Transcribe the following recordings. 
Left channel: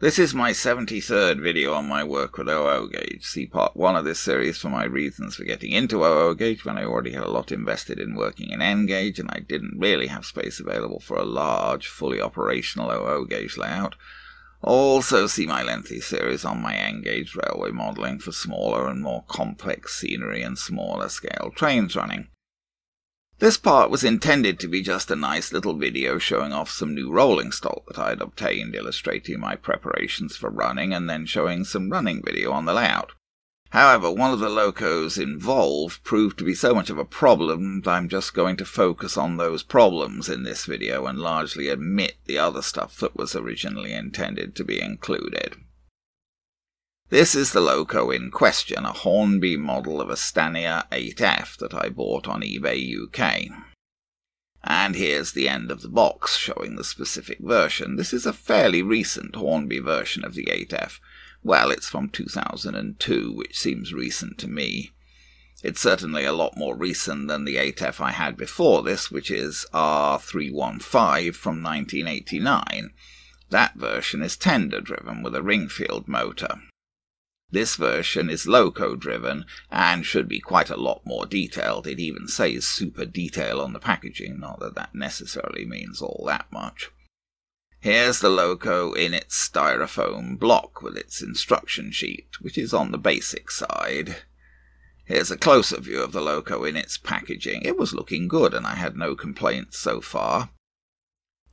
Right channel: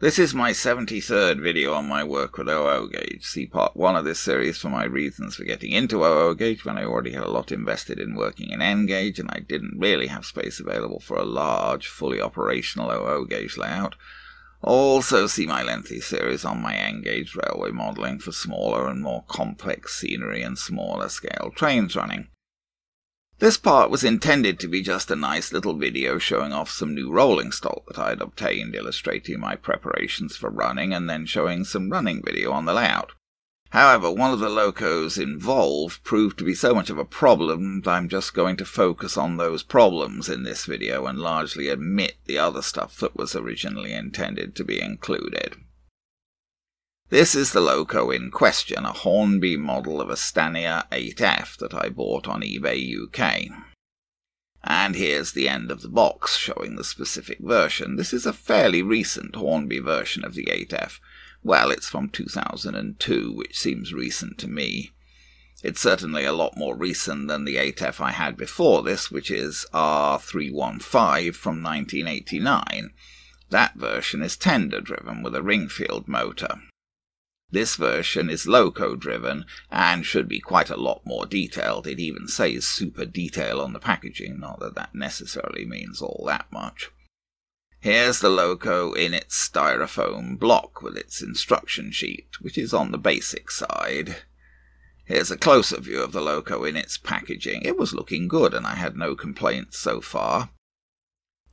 This is my 73rd video on my work with OO gauge. See part 1 of this series for my reasons for getting into OO gauge when I already had a lot invested in working in N gauge and I didn't really have space available for a large, fully operational OO gauge layout. Also see my lengthy series on my N gauge railway modelling for smaller and more complex scenery and smaller scale trains running. This part was intended to be just a nice little video showing off some new rolling stock that I'd obtained, illustrating my preparations for running, and then showing some running video on the layout. However, one of the locos involved proved to be so much of a problem that I'm just going to focus on those problems in this video and largely omit the other stuff that was originally intended to be included. This is the loco in question, a Hornby model of a Stania 8F that I bought on eBay UK. And here's the end of the box showing the specific version. This is a fairly recent Hornby version of the 8F. Well, it's from 2002, which seems recent to me. It's certainly a lot more recent than the 8F I had before this, which is R315 from 1989. That version is tender-driven with a Ringfield motor. This version is loco-driven and should be quite a lot more detailed. It even says super detail on the packaging, not that that necessarily means all that much. Here's the loco in its styrofoam block with its instruction sheet, which is on the basic side. Here's a closer view of the loco in its packaging. It was looking good and I had no complaints so far.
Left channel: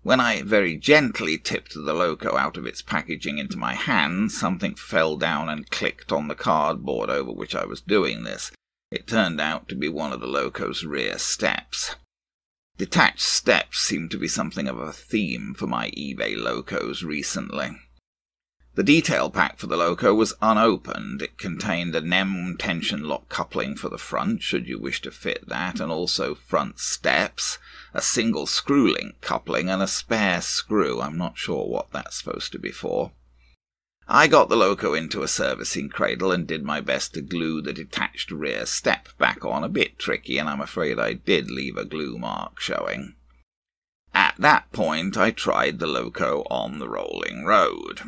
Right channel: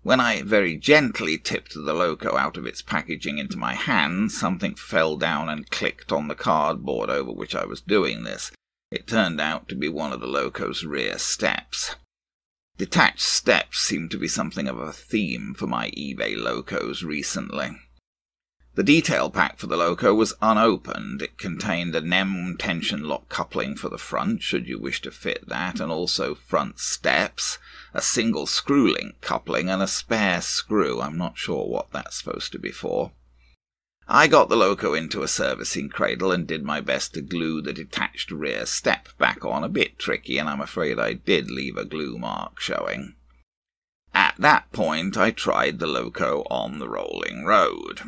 When I very gently tipped the loco out of its packaging into my hand, something fell down and clicked on the cardboard over which I was doing this. It turned out to be one of the loco's rear steps. Detached steps seem to be something of a theme for my eBay locos recently. The detail pack for the loco was unopened. It contained a NEM tension lock coupling for the front, should you wish to fit that, and also front steps, a single screw link coupling, and a spare screw. I'm not sure what that's supposed to be for. I got the loco into a servicing cradle and did my best to glue the detached rear step back on. A bit tricky, and I'm afraid I did leave a glue mark showing. At that point, I tried the loco on the rolling road.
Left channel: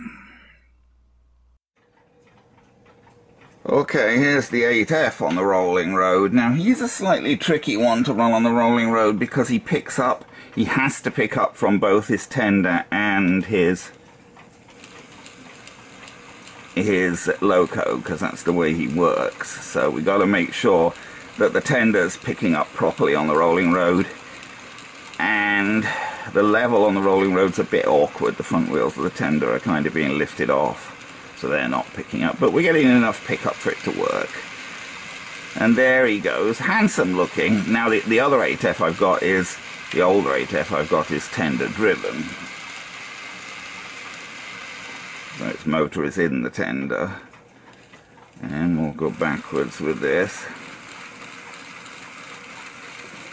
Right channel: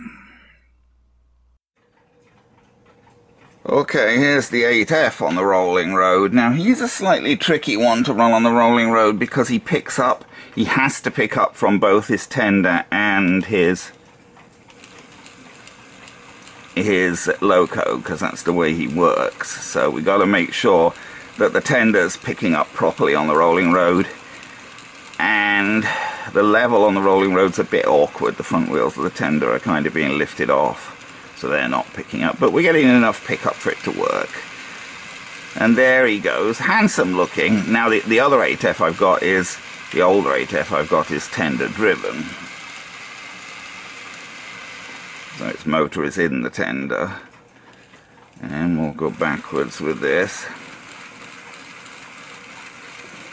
Okay, here's the 8F on the rolling road. Now, he's a slightly tricky one to run on the rolling road because he has to pick up from both his tender and his loco, because that's the way he works. So we got to make sure that the tender's picking up properly on the rolling road. And the level on the rolling road's a bit awkward. The front wheels of the tender are kind of being lifted off, so they're not picking up, but we're getting enough pickup for it to work. And there he goes, handsome looking. Now the other 8F I've got is, the older 8F I've got is tender driven. So its motor is in the tender. And we'll go backwards with this.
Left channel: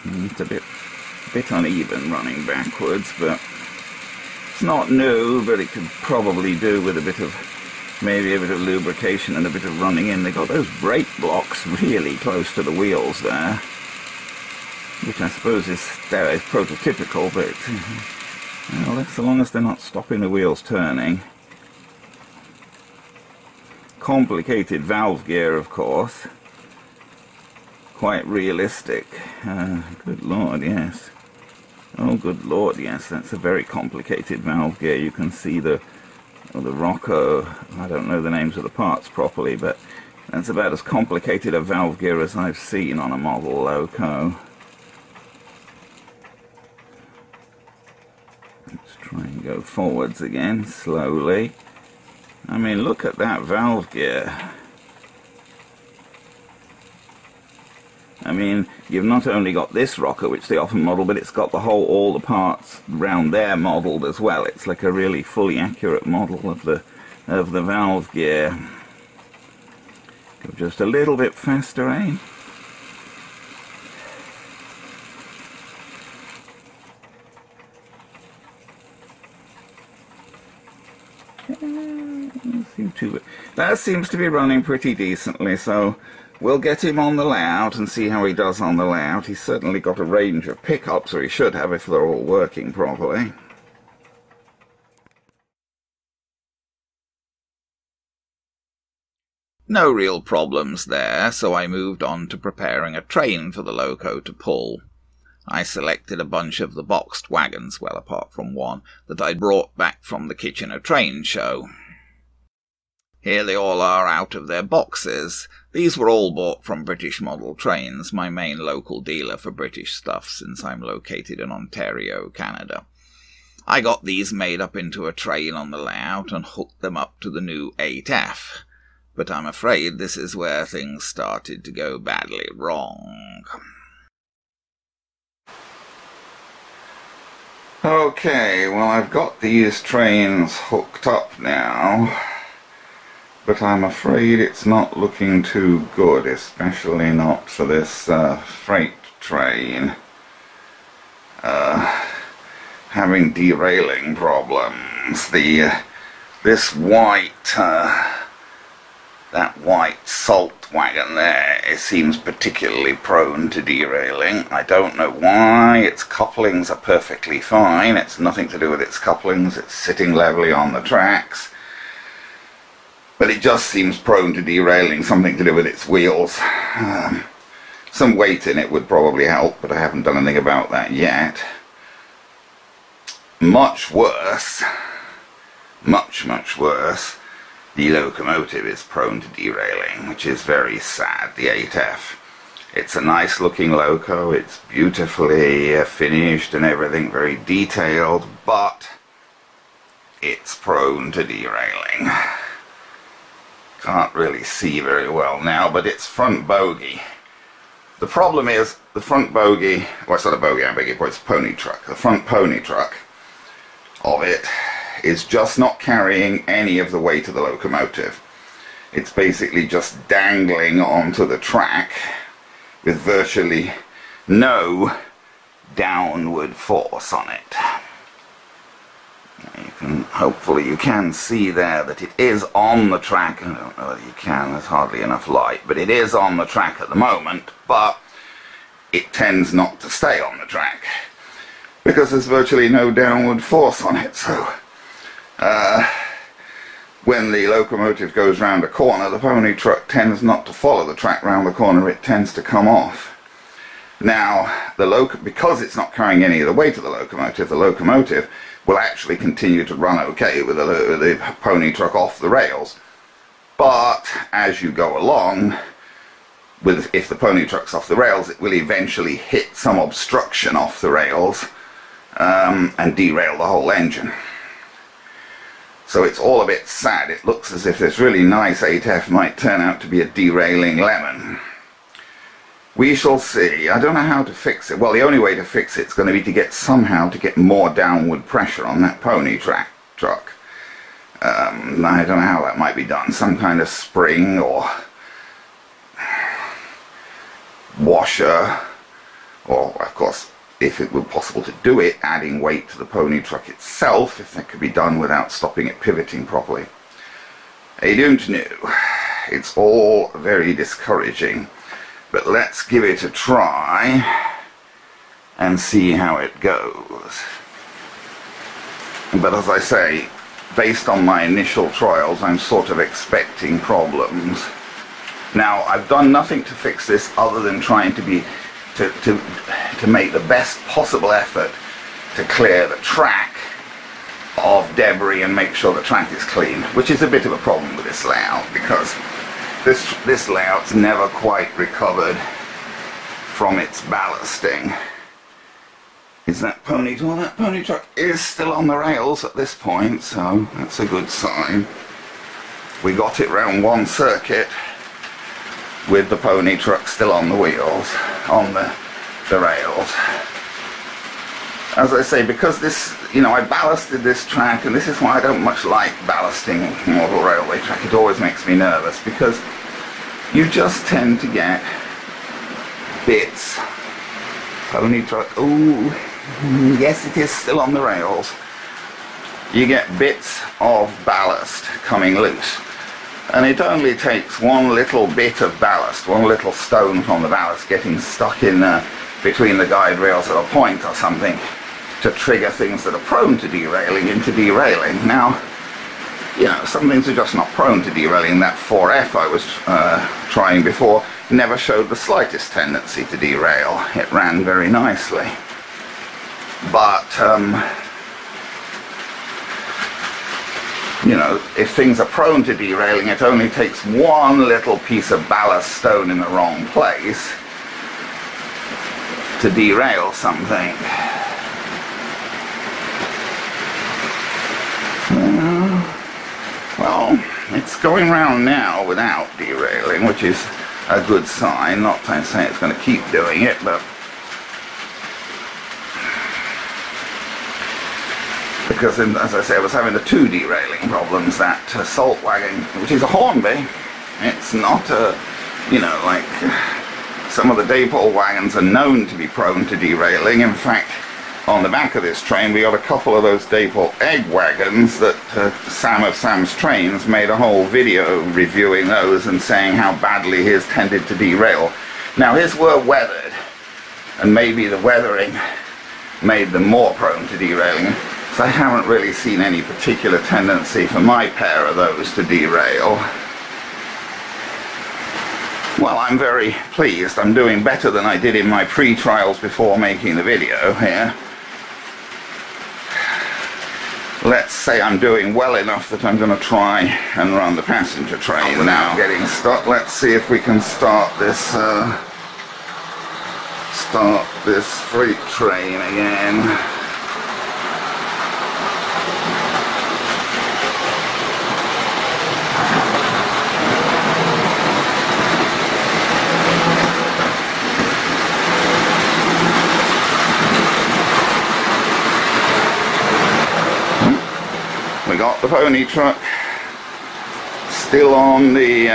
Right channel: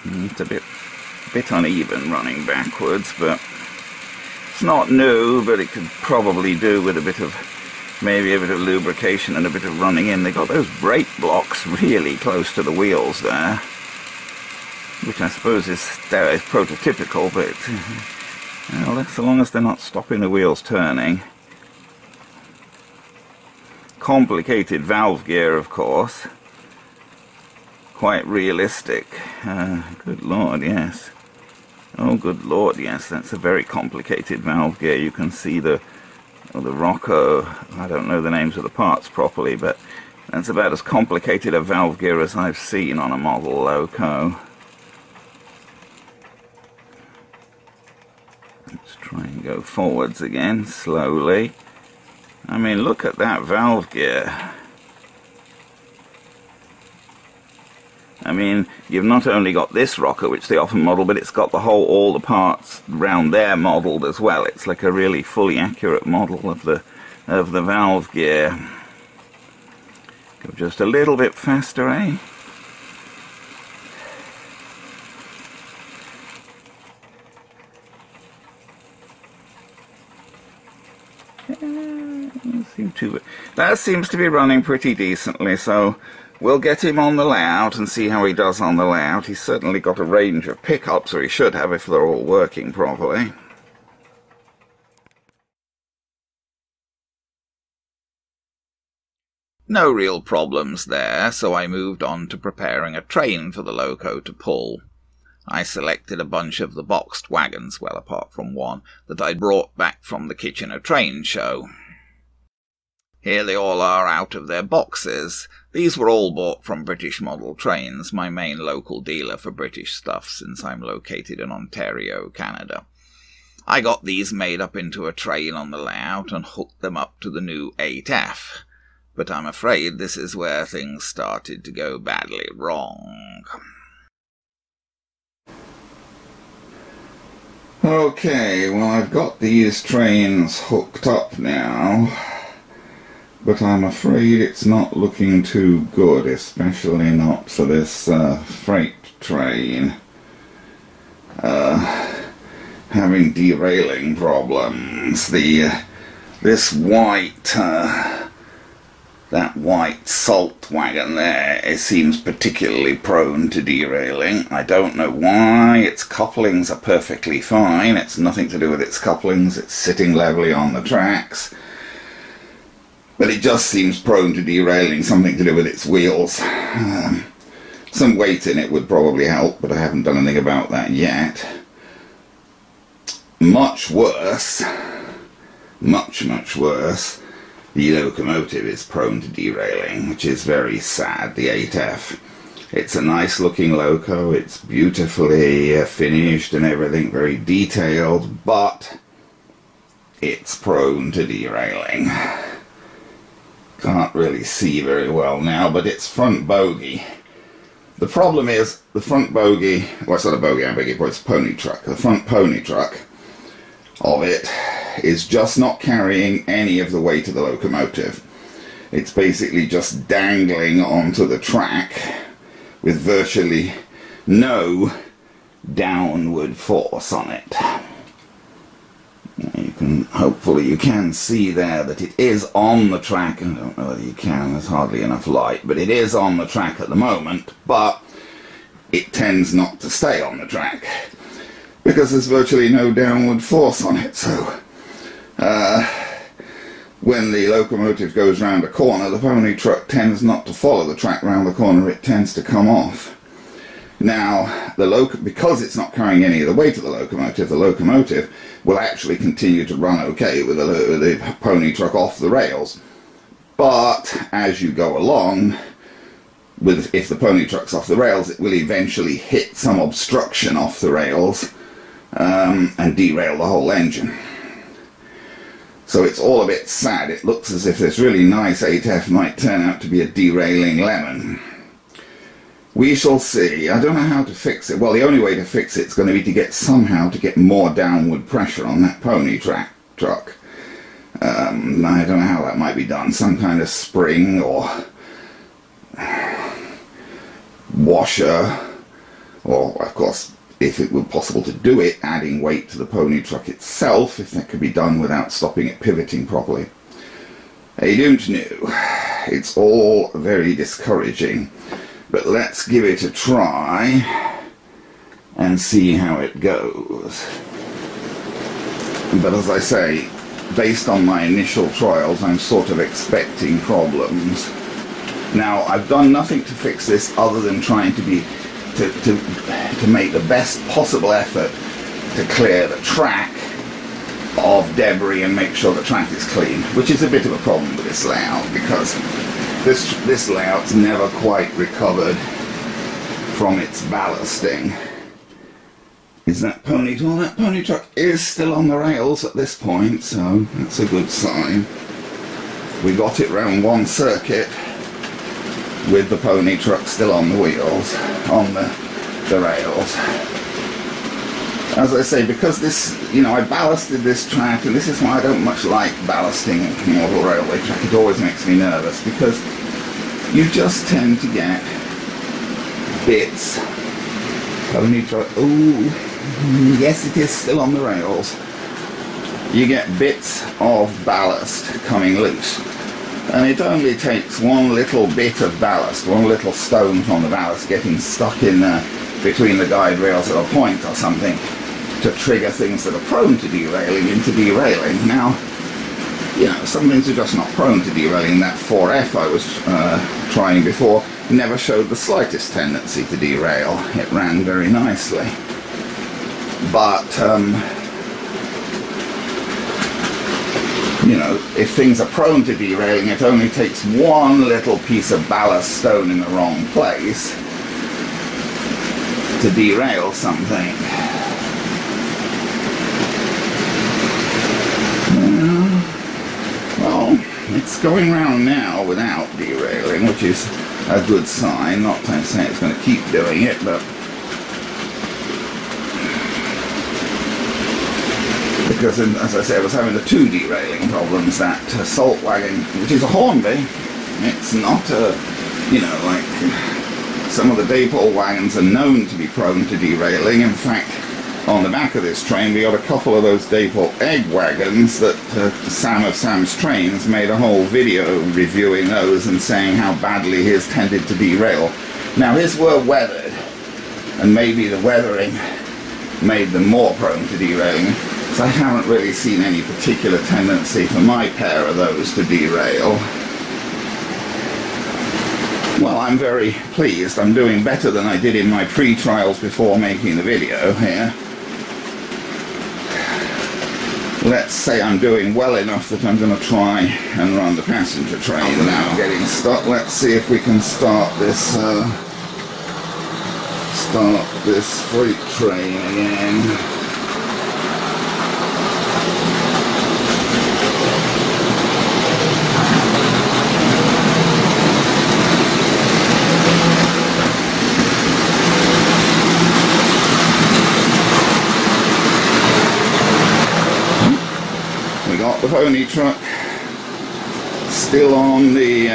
It's a bit uneven running backwards, but it's not new, but it could probably do with maybe a bit of lubrication and a bit of running in. They got those brake blocks really close to the wheels there, which I suppose is prototypical, but well, so long as they're not stopping the wheels turning. Complicated valve gear, of course. Quite realistic. Good Lord, yes. Oh, good Lord, yes, that's a very complicated valve gear. You can see the Rocco, I don't know the names of the parts properly, but that's about as complicated a valve gear as I've seen on a model loco. Let's try and go forwards again, slowly. I mean, look at that valve gear. I mean, you've not only got this rocker, which they often model, but it's got all the parts around there modelled as well. It's like a really fully accurate model of the valve gear. Go just a little bit faster, eh? That seems to be running pretty decently, so we'll get him on the layout and see how he does on the layout. He's certainly got a range of pickups, or he should have if they're all working properly. No real problems there, so I moved on to preparing a train for the loco to pull. I selected a bunch of the boxed wagons, well apart from one, that I'd brought back from the Kitchener train show. Here they all are out of their boxes. These were all bought from British Model Trains, my main local dealer for British stuff since I'm located in Ontario, Canada. I got these made up into a train on the layout and hooked them up to the new 8F. But I'm afraid this is where things started to go badly wrong. Okay, well, I've got these trains hooked up now, but I'm afraid it's not looking too good, especially not for this freight train. Having derailing problems. This white, that white salt wagon there, it seems particularly prone to derailing. I don't know why. Its couplings are perfectly fine. It's nothing to do with its couplings. It's sitting levelly on the tracks. But it just seems prone to derailing, something to do with its wheels. Some weight in it would probably help, but I haven't done anything about that yet. Much worse, much worse, the locomotive is prone to derailing, which is very sad, the 8F. It's a nice looking loco, it's beautifully finished and everything, very detailed, but it's prone to derailing. Can't really see very well now, but it's front bogie. The problem is, the front bogie, well, it's not a bogie, I beg your pardon, it's a pony truck. The front pony truck of it is just not carrying any of the weight of the locomotive. It's basically just dangling onto the track with virtually no downward force on it. Hopefully you can see there that it is on the track. I don't know whether you can, there's hardly enough light, but it is on the track at the moment, but it tends not to stay on the track because there's virtually no downward force on it. So when the locomotive goes round a corner, the pony truck tends not to follow the track round the corner, it tends to come off. Now, because it's not carrying any of the weight of the locomotive will actually continue to run okay with the pony truck off the rails. But as you go along, if the pony truck's off the rails, it will eventually hit some obstruction off the rails and derail the whole engine. So it's all a bit sad. It looks as if this really nice 8F might turn out to be a derailing lemon. We shall see. I don't know how to fix it. Well, the only way to fix it's going to be to somehow get more downward pressure on that pony truck. I don't know how that might be done. Some kind of spring or washer, or of course, if it were possible to do it, adding weight to the pony truck itself, if that could be done without stopping it pivoting properly. I don't know. It's all very discouraging. But let's give it a try and see how it goes. But as I say, based on my initial trials, I'm sort of expecting problems. Now, I've done nothing to fix this other than trying to make the best possible effort to clear the track of debris and make sure the track is clean, which is a bit of a problem with this layout because this layout's never quite recovered from its ballasting. Is that pony truck? Well, that pony truck is still on the rails at this point, so that's a good sign. We got it round one circuit with the pony truck still on the wheels, on the rails. As I say, because this, I ballasted this track, and this is why I don't much like ballasting model railway track. It always makes me nervous, because you just tend to get bits. Pony truck, ooh, yes, it is still on the rails. You get bits of ballast coming loose. And it only takes one little bit of ballast, one little stone from the ballast getting stuck in between the guide rails at a point or something, to trigger things that are prone to derailing into derailing. Now, you know, some things are just not prone to derailing. That 4F I was trying before never showed the slightest tendency to derail. It ran very nicely. But, you know, if things are prone to derailing, it only takes one little piece of ballast stone in the wrong place to derail something. Well, it's going round now without derailing, which is a good sign. Not to say it's going to keep doing it, but because, as I say, I was having the two derailing problems. That salt wagon, which is a Hornby, it's not a, you know, like some of the Daypole wagons are known to be prone to derailing. In fact, on the back of this train we got a couple of those Daypole egg wagons that Sam of Sam's Trains made a whole video reviewing those and saying how badly his tended to derail. Now his were weathered, and maybe the weathering made them more prone to derailing, so I haven't really seen any particular tendency for my pair of those to derail. Well, I'm very pleased. I'm doing better than I did in my pre-trials before making the video here. Let's say I'm doing well enough that I'm going to try and run the passenger train now. Getting stuck. Let's see if we can start this freight train again. The pony truck still on the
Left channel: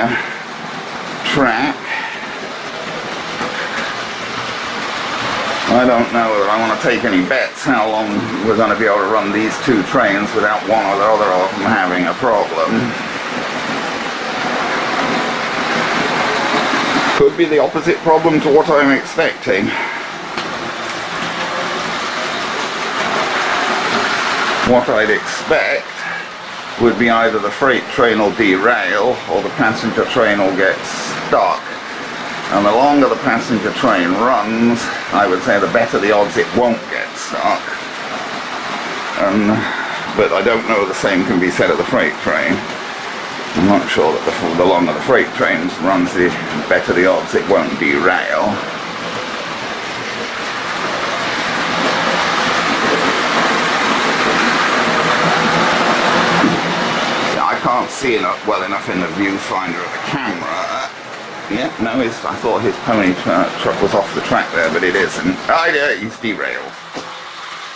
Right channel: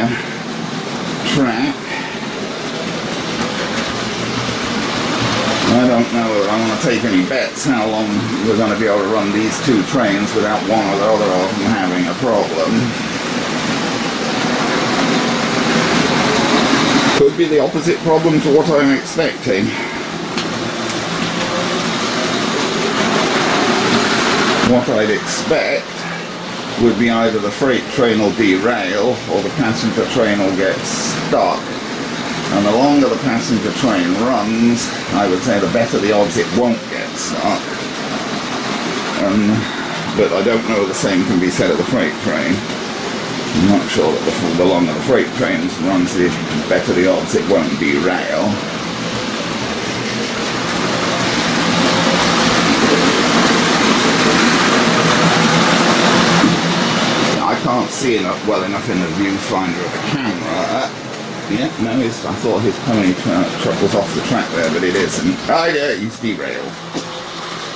track. I don't know whether I want to take any bets how long we're going to be able to run these two trains without one or the other of them having a problem. Could be the opposite problem to what I'm expecting. What I'd expect would be either the freight train will derail or the passenger train will get stuck. And the longer the passenger train runs, I would say the better the odds it won't get stuck. But I don't know the same can be said of the freight train. I'm not sure that the longer the freight train runs, the better the odds it won't derail. I can't see it well enough in the viewfinder of the camera. Yeah, no, I thought his pony truck was off the track there, but it isn't. Oh, yeah, he's derailed.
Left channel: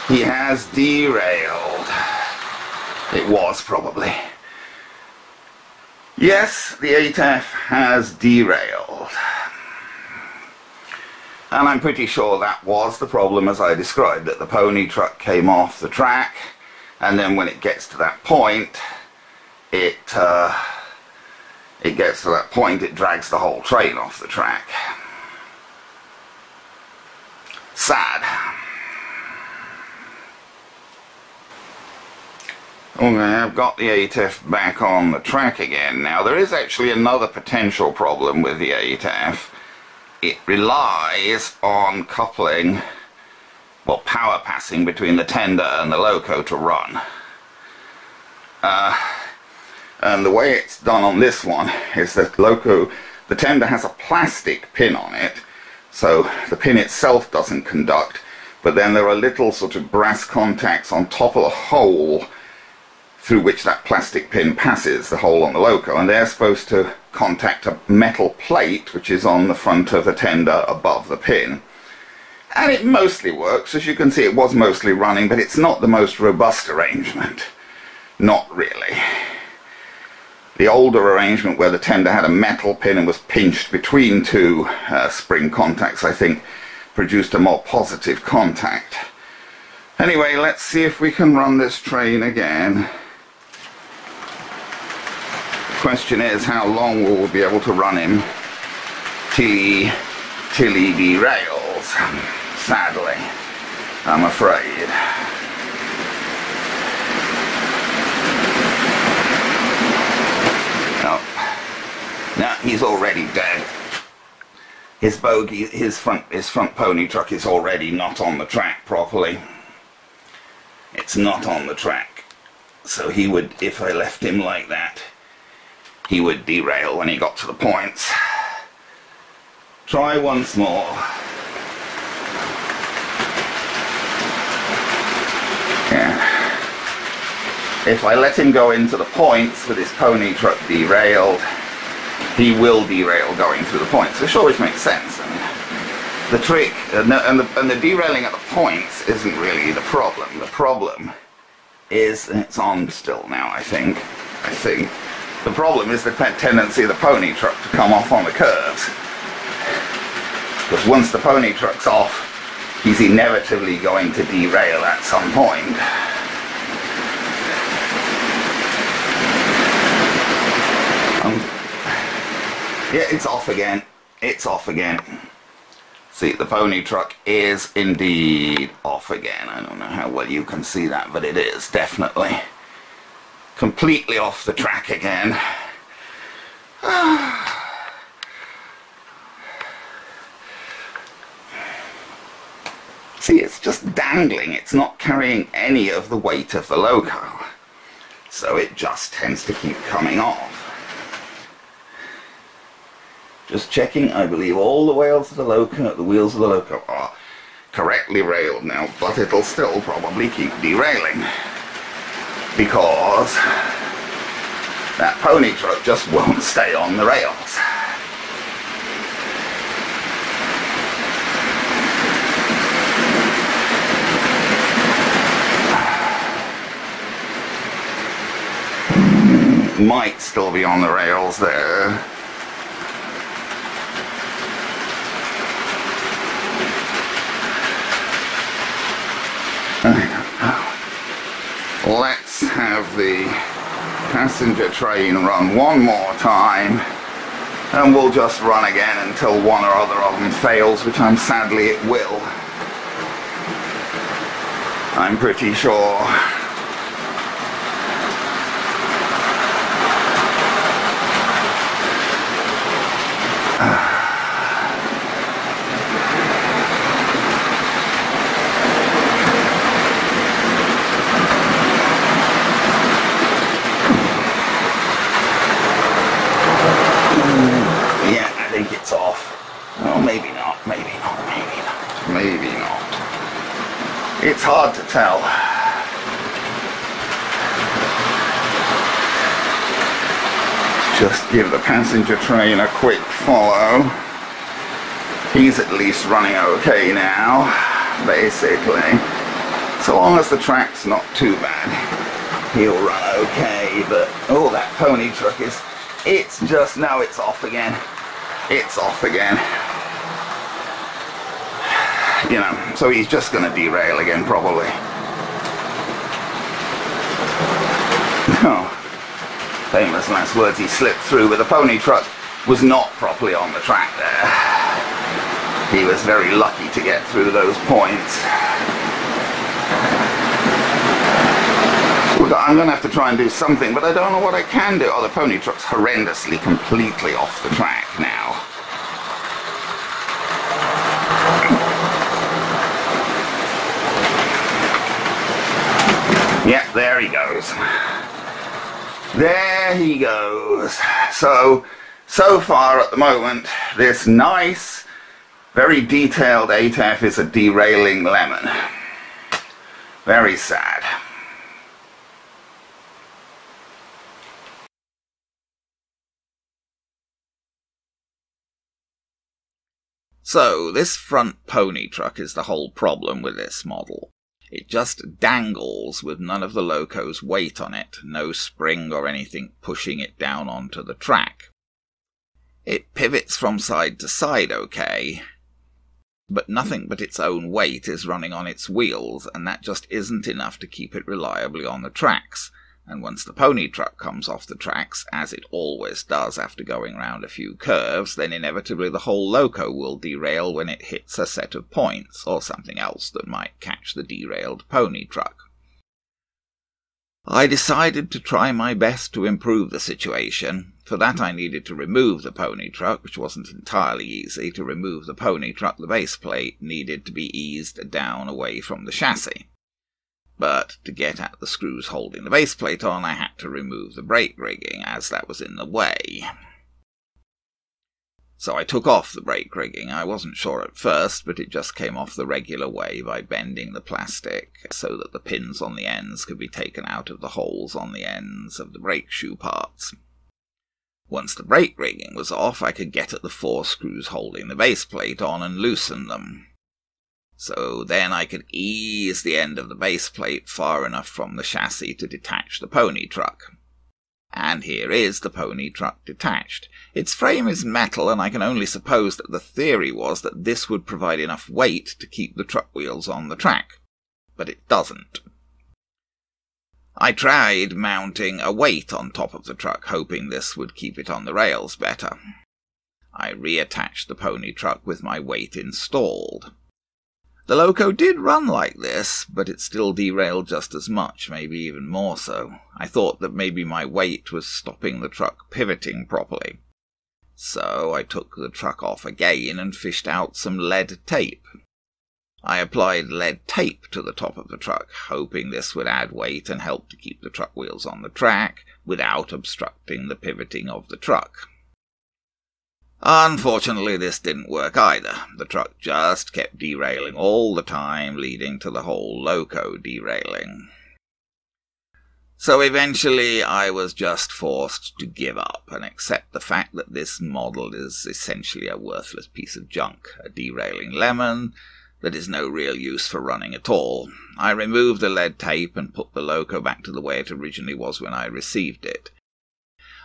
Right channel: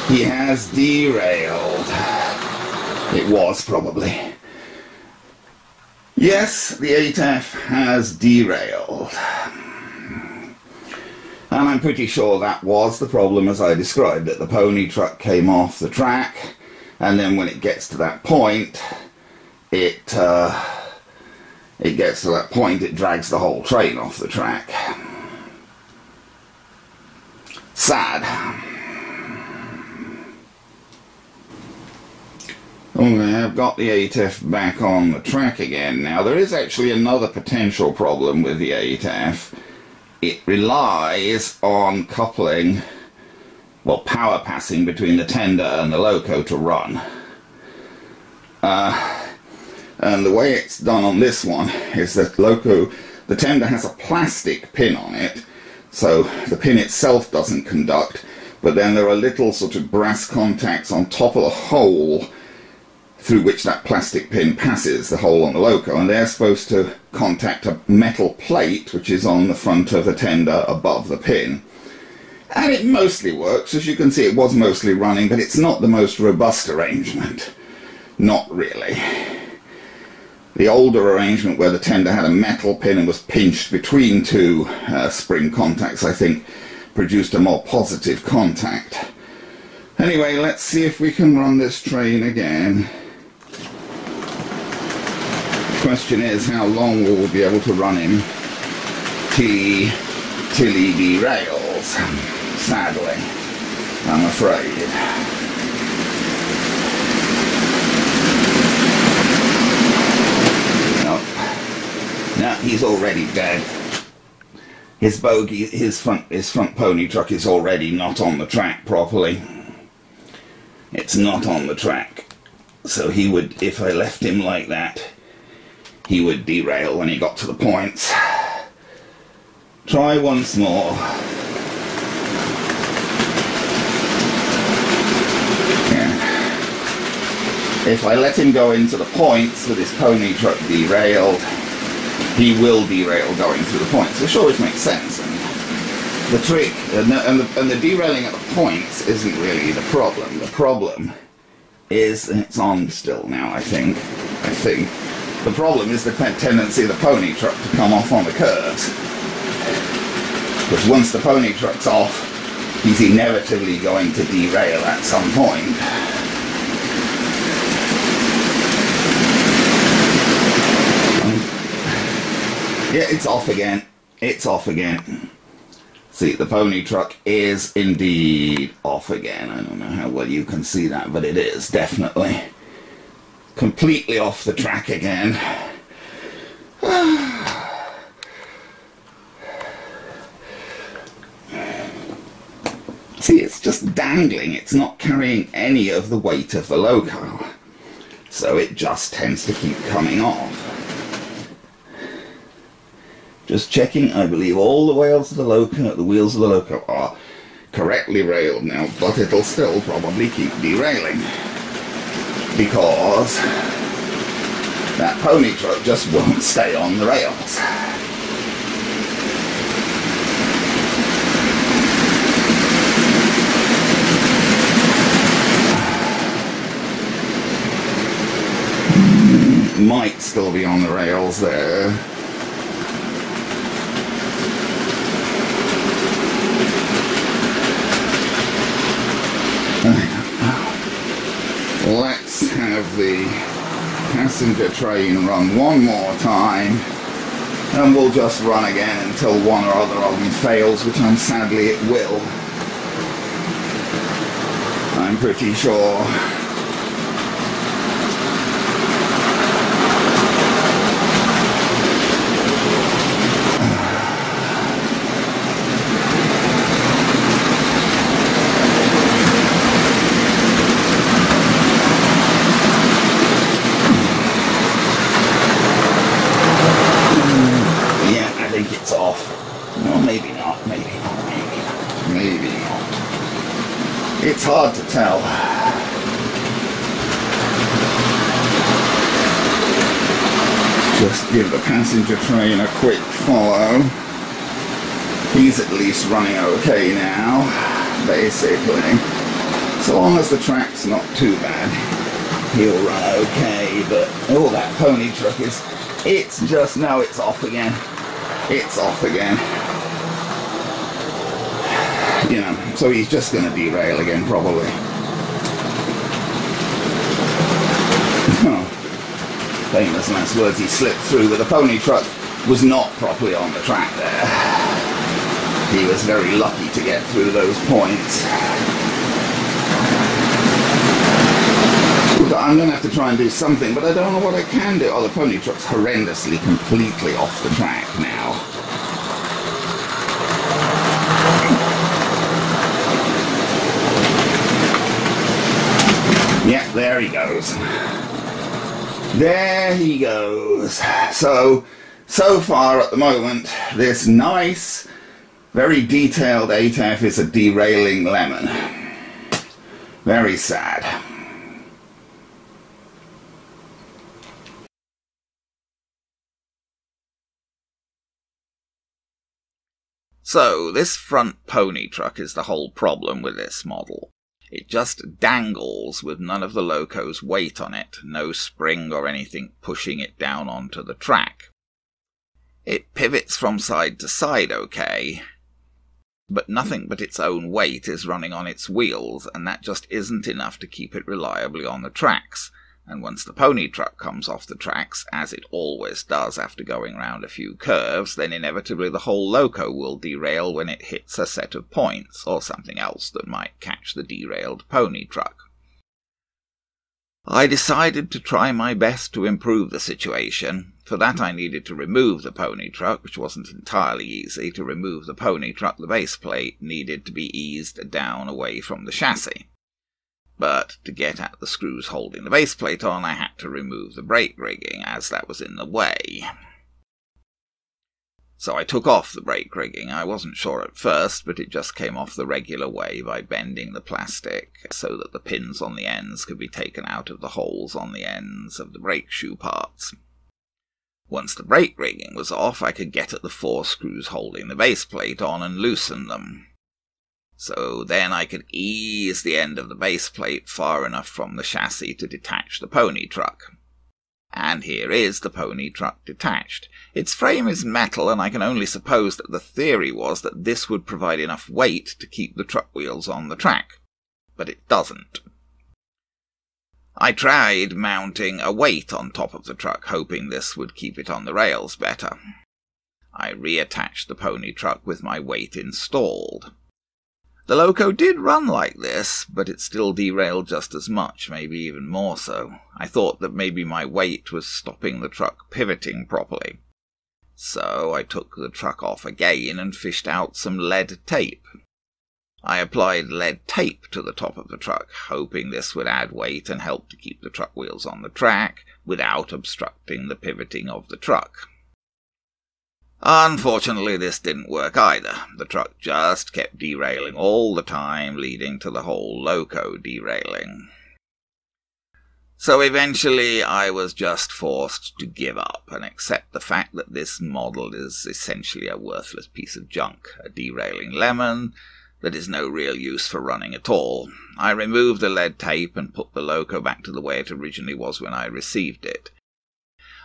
He has derailed. It was, probably. Yes, the 8F has derailed. And I'm pretty sure that was the problem as I described it. The pony truck came off the track, and then when it gets to that point, it gets to that point, it drags the whole train off the track. Sad. Okay, I've got the 8F back on the track again now. There is actually another potential problem with the 8F. It relies on coupling, well, power passing between the tender and the loco to run. And the way it's done on this one is that the tender has a plastic pin on it, so the pin itself doesn't conduct, but then there are little sort of brass contacts on top of the hole through which that plastic pin passes, the hole on the loco, and they're supposed to contact a metal plate which is on the front of the tender above the pin. And it mostly works. As you can see, it was mostly running, but it's not the most robust arrangement. Not really. The older arrangement where the tender had a metal pin and was pinched between two spring contacts, I think, produced a more positive contact. Anyway, let's see if we can run this train again. The question is, how long will we be able to run him till he derails? Sadly, I'm afraid. he's already dead. His bogie, his front pony truck is already not on the track properly. It's not on the track. So he would, if I left him like that, he would derail when he got to the points. Try once more. Yeah. If I let him go into the points with his pony truck derailed, he will derail going through the points, which always makes sense. I mean, the trick, and the derailing at the points isn't really the problem. The problem is, and it's on still now, I think, the problem is the tendency of the pony truck to come off on the curves. Because once the pony truck's off, he's inevitably going to derail at some point. Yeah, it's off again. It's off again. See, the pony truck is indeed off again. I don't know how well you can see that, but it is definitely completely off the track again. See, it's just dangling. It's not carrying any of the weight of the loco. So it just tends to keep coming off. Just checking, I believe all the wheels of the loco are correctly railed now, but it'll still probably keep derailing. Because that pony truck just won't stay on the rails. Might still be on the rails there. I don't know. Let's have the passenger train run one more time, and we'll just run again until one or other of them fails, which sadly it will. I'm pretty sure. It's off. Oh, maybe not, maybe not, maybe not, maybe not. It's hard to tell. Just give the passenger train a quick follow. He's at least running okay now, basically. So long as the track's not too bad, he'll run okay, but oh, that pony truck it's just, no, it's off again. It's off again. You know, so he's just going to derail again, probably. Oh, famous last words, he slipped through, but the pony truck was not properly on the track there. He was very lucky to get through those points. Look, I'm going to have to try and do something, but I don't know what I can do. Oh, the pony truck's horrendously, completely off the track now. Yep, there he goes. There he goes. So far at the moment, this nice, very detailed 8F is a derailing lemon. Very sad. So, this front pony truck is the whole problem with this model. It just dangles with none of the loco's weight on it, no spring or anything pushing it down onto the track. It pivots from side to side okay, but nothing but its own weight is running on its wheels, and that just isn't enough to keep it reliably on the tracks. And once the pony truck comes off the tracks, as it always does after going round a few curves, then inevitably the whole loco will derail when it hits a set of points, or something else that might catch the derailed pony truck. I decided to try my best to improve the situation. For that I needed to remove the pony truck, which wasn't entirely easy. To remove the pony truck, the base plate needed to be eased down away from the chassis. But to get at the screws holding the base plate on, I had to remove the brake rigging, as that was in the way. So I took off the brake rigging. I wasn't sure at first, but it just came off the regular way by bending the plastic so that the pins on the ends could be taken out of the holes on the ends of the brake shoe parts. Once the brake rigging was off, I could get at the 4 screws holding the base plate on and loosen them. So then I could ease the end of the base plate far enough from the chassis to detach the pony truck. And here is the pony truck detached. Its frame is metal, and I can only suppose that the theory was that this would provide enough weight to keep the truck wheels on the track. But it doesn't. I tried mounting a weight on top of the truck, hoping this would keep it on the rails better. I reattached the pony truck with my weight installed. The loco did run like this, but it still derailed just as much, maybe even more so. I thought that maybe my weight was stopping the truck pivoting properly. So I took the truck off again and fished out some lead tape. I applied lead tape to the top of the truck, hoping this would add weight and help to keep the truck wheels on the track without obstructing the pivoting of the truck. Unfortunately, this didn't work either. The truck just kept derailing all the time, leading to the whole loco derailing. So eventually I was just forced to give up and accept the fact that this model is essentially a worthless piece of junk, a derailing lemon that is no real use for running at all. I removed the lead tape and put the loco back to the way it originally was when I received it.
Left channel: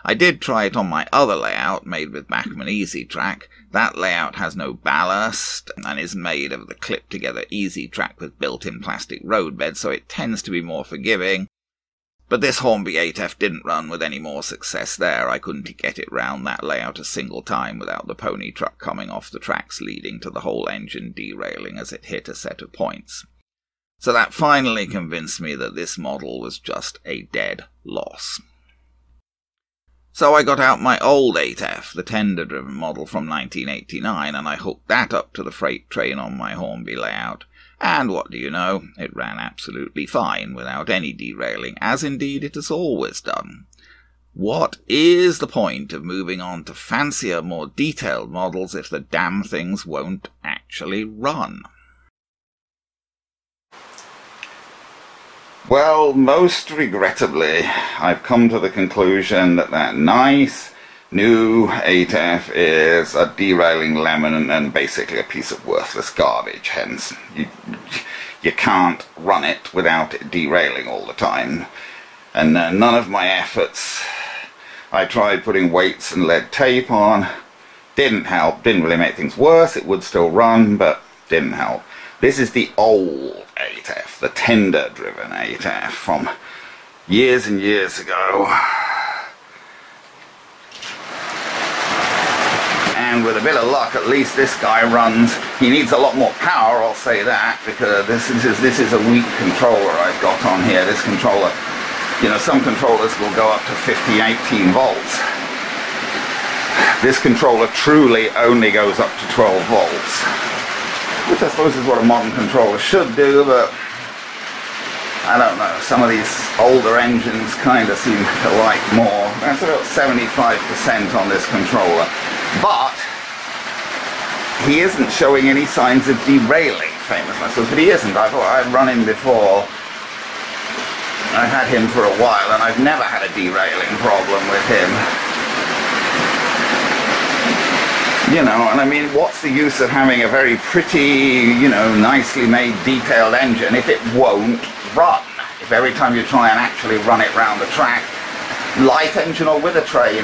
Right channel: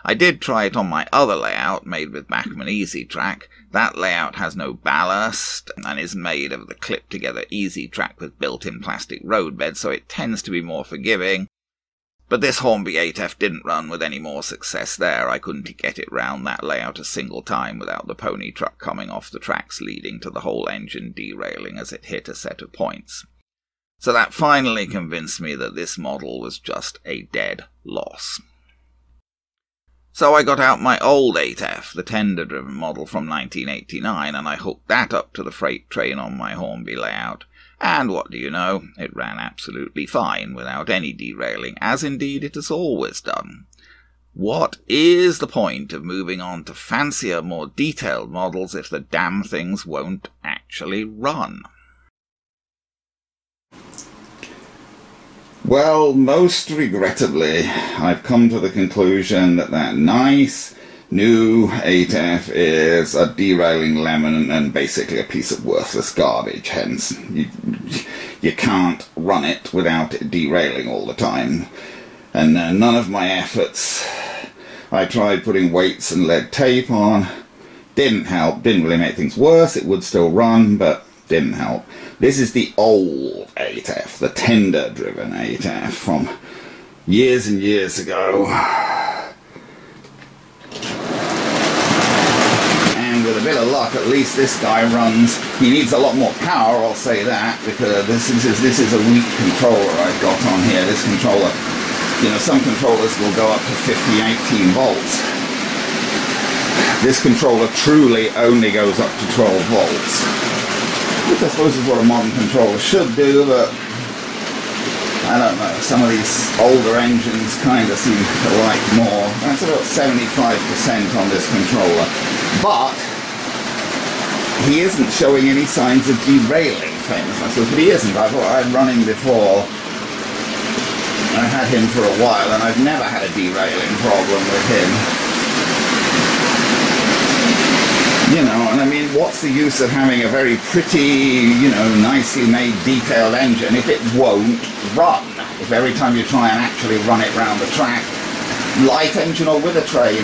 I did try it on my other layout, made with Bachmann Easy Track. That layout has no ballast and is made of the clipped-together Easy Track with built-in plastic roadbed, so it tends to be more forgiving. But this Hornby 8F didn't run with any more success there. I couldn't get it round that layout a single time without the pony truck coming off the tracks, leading to the whole engine derailing as it hit a set of points. So that finally convinced me that this model was just a dead loss. So I got out my old 8F, the tender-driven model from 1989, and I hooked that up to the freight train on my Hornby layout. And what do you know, it ran absolutely fine without any derailing, as indeed it has always done. What is the point of moving on to fancier, more detailed models if the damn things won't actually run? Well, most regrettably, I've come to the conclusion that that nice new 8F is a derailing lemon and basically a piece of worthless garbage. Hence, you can't run it without it derailing all the time. And none of my efforts, I tried putting weights and lead tape on, didn't help, didn't really make things worse. It would still run, but didn't help. This is the old 8F, the tender-driven 8F from years and years ago. And with a bit of luck, at least this guy runs. He needs a lot more power, I'll say that, because this is a weak controller I've got on here. This controller, you know, some controllers will go up to 18 volts. This controller truly only goes up to 12 volts. Which I suppose is what a modern controller should do, but I don't know. Some of these older engines kind of seem to like more. That's about 75% on this controller. But he isn't showing any signs of derailing, famous I suppose, but he isn't. I've run him before. I've had him for a while, and I've never had a derailing problem with him. You know, and I mean, what's the use of having a very pretty, you know, nicely made, detailed engine if it won't run? If every time you try and actually run it round the track, light engine or with a train,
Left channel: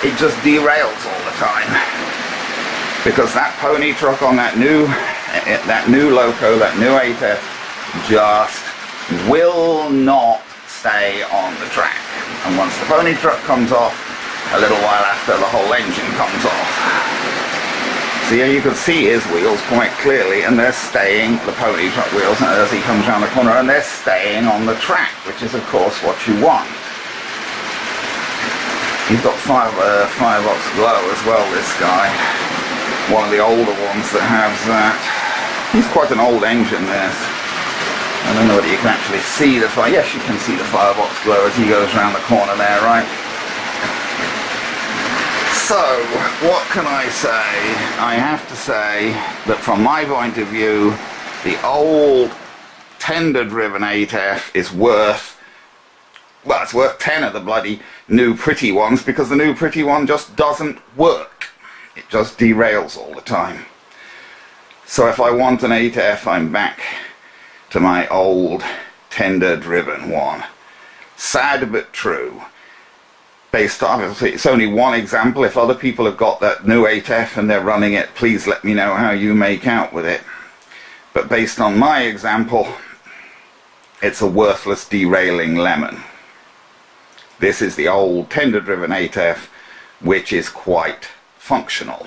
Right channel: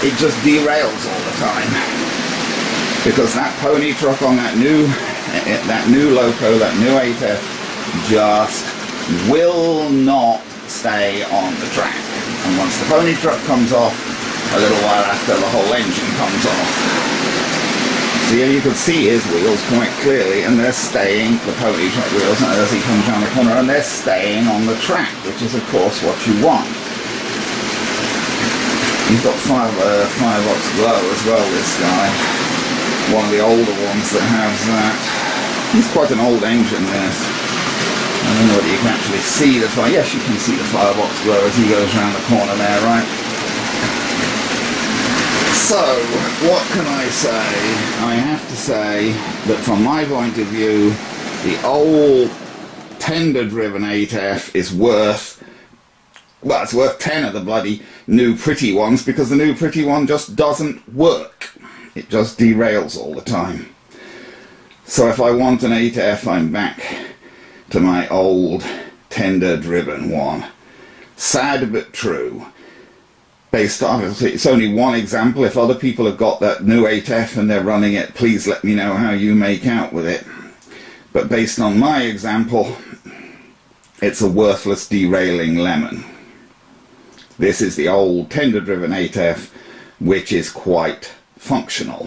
it just derails all the time. Because that pony truck on that new loco, that new 8F, just will not stay on the track. And once the pony truck comes off, a little while after, the whole engine comes off. So here you can see his wheels quite clearly, and they're staying, the pony truck wheels, as he comes around the corner, and they're staying on the track, which is of course what you want. He's got firebox glow as well, this guy. One of the older ones that has that. He's quite an old engine, this. I don't know whether you can actually see the fire. Yes, you can see the firebox glow as he goes around the corner there, right? So, what can I say? I have to say that from my point of view, the old tender-driven 8F is worth, well, it's worth 10 of the bloody new pretty ones, because the new pretty one just doesn't work. It just derails all the time. So if I want an 8F, I'm back to my old tender-driven one. Sad but true. Based on, it's only one example. If other people have got that new 8F and they're running it, please let me know how you make out with it. But based on my example, it's a worthless derailing lemon. This is the old tender-driven 8F, which is quite functional.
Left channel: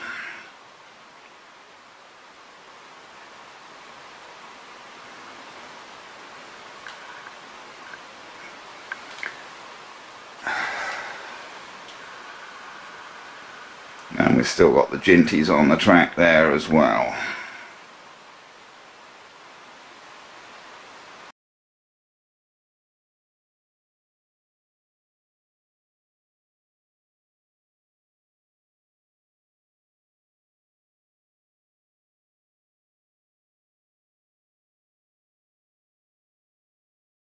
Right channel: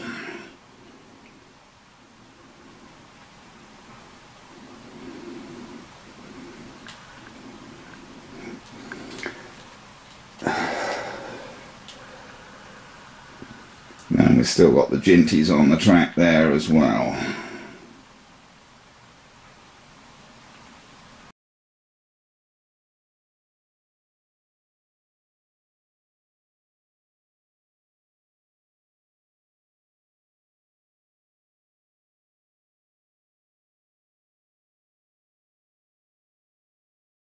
And we've still got the Ginties on the track there as well.